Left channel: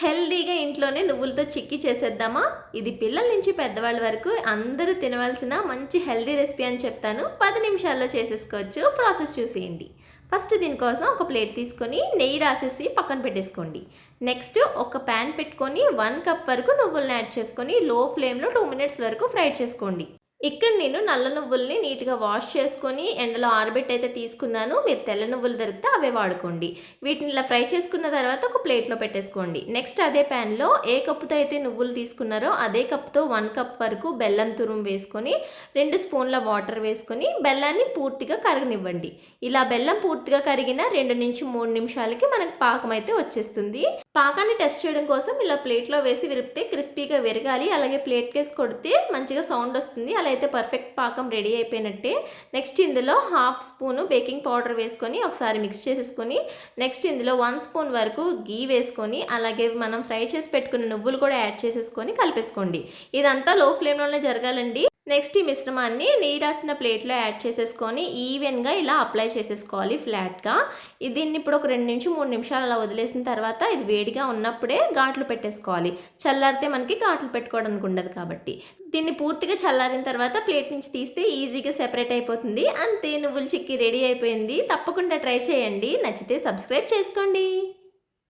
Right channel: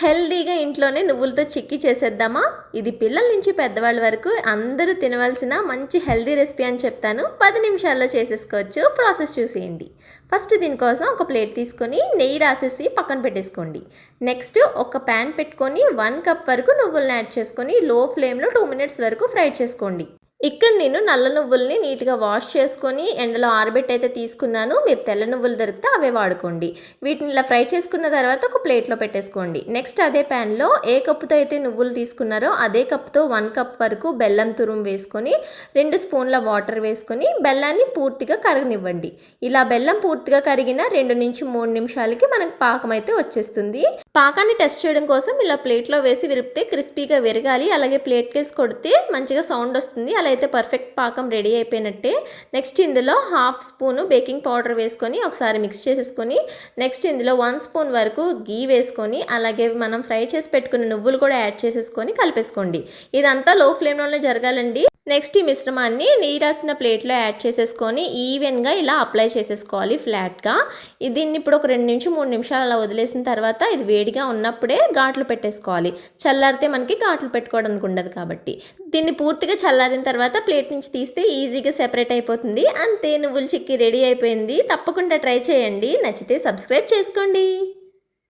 హెల్దీగా ఇంట్లోనే నువ్వులతో చిక్కీ చేసేద్దామా? ఇది పిల్లల నుంచి పెద్దవాళ్ళ వరకు అందరూ తినవలసిన మంచి హెల్దీ రెసిపీ అని చెప్తాను. పది నిమిషాల్లో చేసేసుకోవచ్చు. ప్రాసెస్ చూసేయండి. ఫస్ట్ దీనికోసం ఒక ప్లేట్ తీసుకొని నెయ్యి రాసేసి పక్కన పెట్టేసుకోండి. నెక్స్ట్ ఒక ప్యాన్ పెట్టుకొని వన్ కప్ వరకు నువ్వులను యాడ్ చేసుకొని లో ఫ్లేమ్లో టూ మినిట్స్ వరకు ఫ్రై చేసుకోండి. ఇక్కడ నేను నల్ల నువ్వుల్ని నీట్గా వాష్ చేసుకొని ఎండలో ఆరబెట్టి అయితే తీసుకున్నాను. మీరు తెల్ల నువ్వులు దొరికితే అవే వాడుకోండి. వీటిని ఇలా ఫ్రై చేసుకున్న తర్వాత ఒక ప్లేట్లో పెట్టేసుకోండి. నెక్స్ట్ అదే ప్యాన్లో ఏ కప్పుతో అయితే నువ్వులు తీసుకున్నారో అదే కప్తో వన్ కప్ వరకు బెల్లం తురుము వేసుకొని రెండు స్పూన్ల వాటర్ వేసుకొని బెల్లాన్ని పూర్తిగా కరగనివ్వండి. ఇలా బెల్లం పూర్తిగా కరిగిన రెండు నుంచి మూడు నిమిషాలకి మనకు పాకం అయితే వచ్చేస్తుంది. పాకాన్ని టెస్ట్ చేయడం కోసం ఇలా ప్లేట్లో వేసి విరిపితే క్రిస్పీగా విరగాలి. అలాగే ప్లేట్ కేసి కొడితే మంచిగా సౌండ్ వస్తుంది. అలా అయితే పర్ఫెక్ట్ పాకం రెడీ అయిపోయినట్టే. నెక్స్ట్ ఇందులో హాఫ్ స్పూను బేకింగ్ పౌడర్ వేసుకొని ఒకసారి మిక్స్ చేసేసుకొని నెక్స్ట్ ఇందులో వన్ స్పూన్ వరకు గీ వేసుకొని అలాగే మనం ఫ్రై చేసి పెట్టుకున్న నువ్వులు కూడా యాడ్ చేసేసుకొని కలిపేసుకోండి. ఇదంతా లో ఫ్లేమ్లోనే జరగాలండి. నెక్స్ట్ ఈ మిశ్రమాన్ని నెయ్యి రాసిన ప్లేట్లో యాడ్ చేసేసుకొని ఈవెన్గా ఇలా అప్లై చేసేసుకోవాలి ఫ్లాట్గా. దీన్ని ఇప్పుడు ఒక రెండు నిమిషం మూడు నిమిషాలు అలా వదిలేసిన తర్వాత ఇది వేడిగా ఉన్నప్పుడే ఘాట్లు పెట్టేసుకోవాలి. చల్లారితే మనకి ఘాట్లు పెట్టుకోవడానికి ఉండదు కాబట్టి. దీన్ని పూర్తిగా చల్లారిన తర్వాత ప్లేట్ నుంచి తీస్తే ఈజీగా సెపరేట్ అయిపోతుంది. అంతే నువ్వుల చిక్కి రెడీ అయిపోయింది. తప్పకుండా ట్రై చేయండి. నచ్చితే సబ్స్క్రైబ్ చేసుకోండి.